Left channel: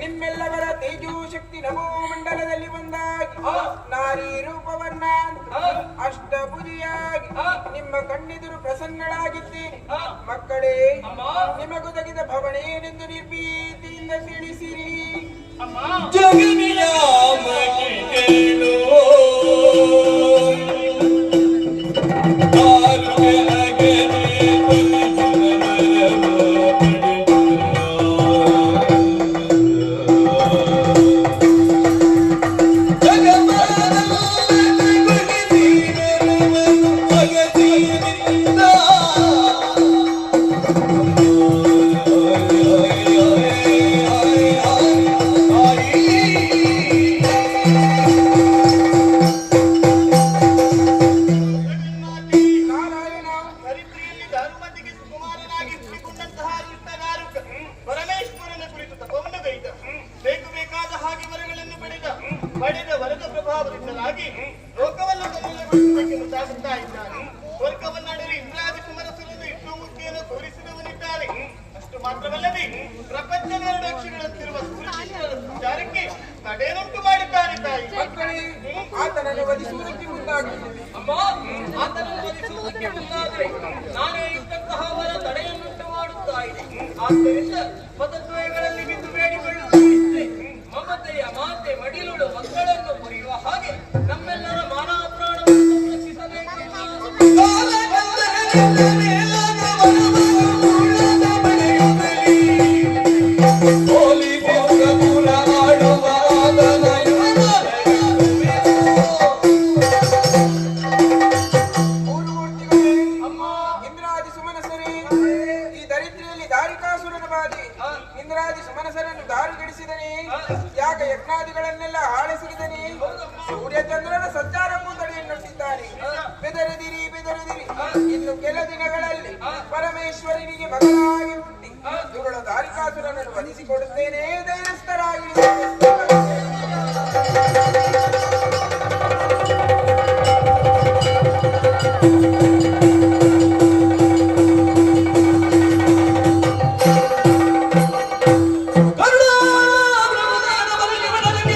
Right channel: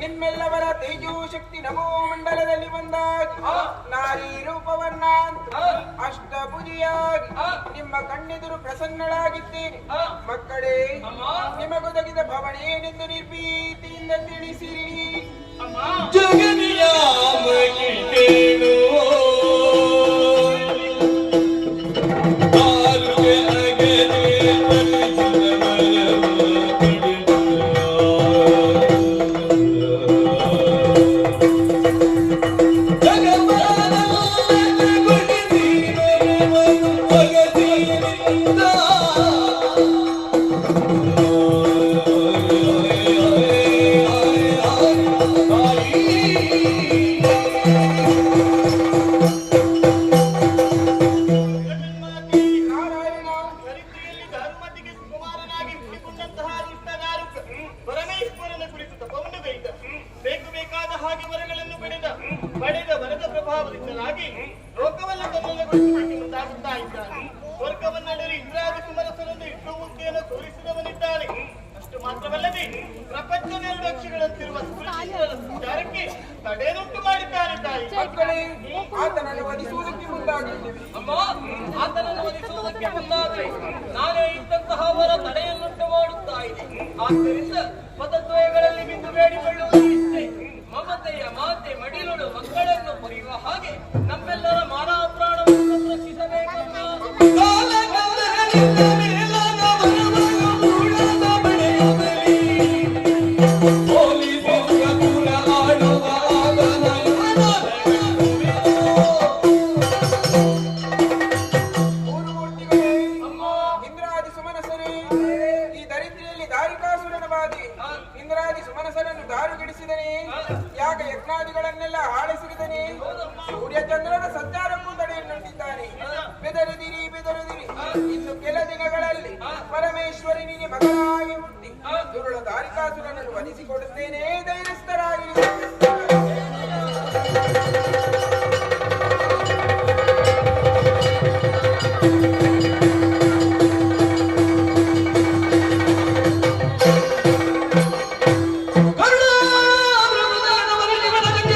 ನಿಮ್ಮೆಲ್ಲವರ ತೇಜೋ ಶಕ್ತಿ ನಮೋ ಮಂಡಲದಲ್ಲಿ ಬಂದಾಗಿ ನಾರಿ ರೂಪವನ್ನ ಅಷ್ಟಭುಜಿಯಾಗಿ ನಿಮ್ಮ ಕಣ್ಣೆದುರು ಪ್ರಸನ್ನಳಾಗಿದ್ದೇನೆ. ಮಕ್ಕಳೇ, ನಿಮಗೊದಗಿದ ಭವನೇನೆಂದು ನಿರ್ಭೀತಿಯಿಂದ ತಿಳಿಸಿರಿ. ನಾನೇ ಇದ್ದಂತಹ ವರ ತಡೆಯನ್ನುಂಟು ಮಾಡುತ್ತಾ ಇದೆ. ಆದ್ದರಿಂದ ಪದದ್ವಯಗಳಲ್ಲಿ ಬಿದ್ದು ಬೇಡಿಕೊಳ್ಳುವುದು ಇಷ್ಟೇ. ಮಮತೆಯ ಮಾತೆ ಮಡಿಲುಳು ಮಕ್ಕಳನ್ನು ಪಡೆಯುವ ಹಾಗೆ ನಮ್ಮೆಲ್ಲರ ಮಾನವ ಪ್ರಾಣವನ್ನು ರಕ್ಷಿಸಬೇಕು. ಮೂರ್ತಿಗಳೇ, ಇಂದ್ರಾದಿ ಸುಮನಸರೇ, ಈ ದರಿದ್ರಿಯಲ್ಲಿ ದಾರಿಕಾಸುರನ ಬಾಧೆ. ಇಂದ್ರಾದಿ ಸುಮನಸರನ್ನು ದಾರುಗಿಡಿಸಿದನೆ, ಯಾಗ ಯಜ್ಞಾದಿಗಳನ್ನೆಲ್ಲ ಆಳಿಸಿದನೆ, ಸೂರ್ಯಚಂದ್ರನ ಸಂಚಾರಕ್ಕೂ ತಡೆಯನ್ನುಟ್ಟಿದ್ದಾನೆ. ಬೆದರಿದಿರಿ ಬೆದರಿದಿರಿ, ಇನ್ನು ಕೆಲ ದಿನಗಳಲ್ಲಿ ಪರಮೇಶ್ವರನಿಗೆ ಮಗನಾಗಿ ಹುಟ್ಟಿ ಇವಳು ದಾರಿಕಾಸುರನನ್ನು ವಧಿಸಿಕೊಡುತ್ತೇನೆ, ಧೈರ್ಯಸ್ಥರಾಗಿ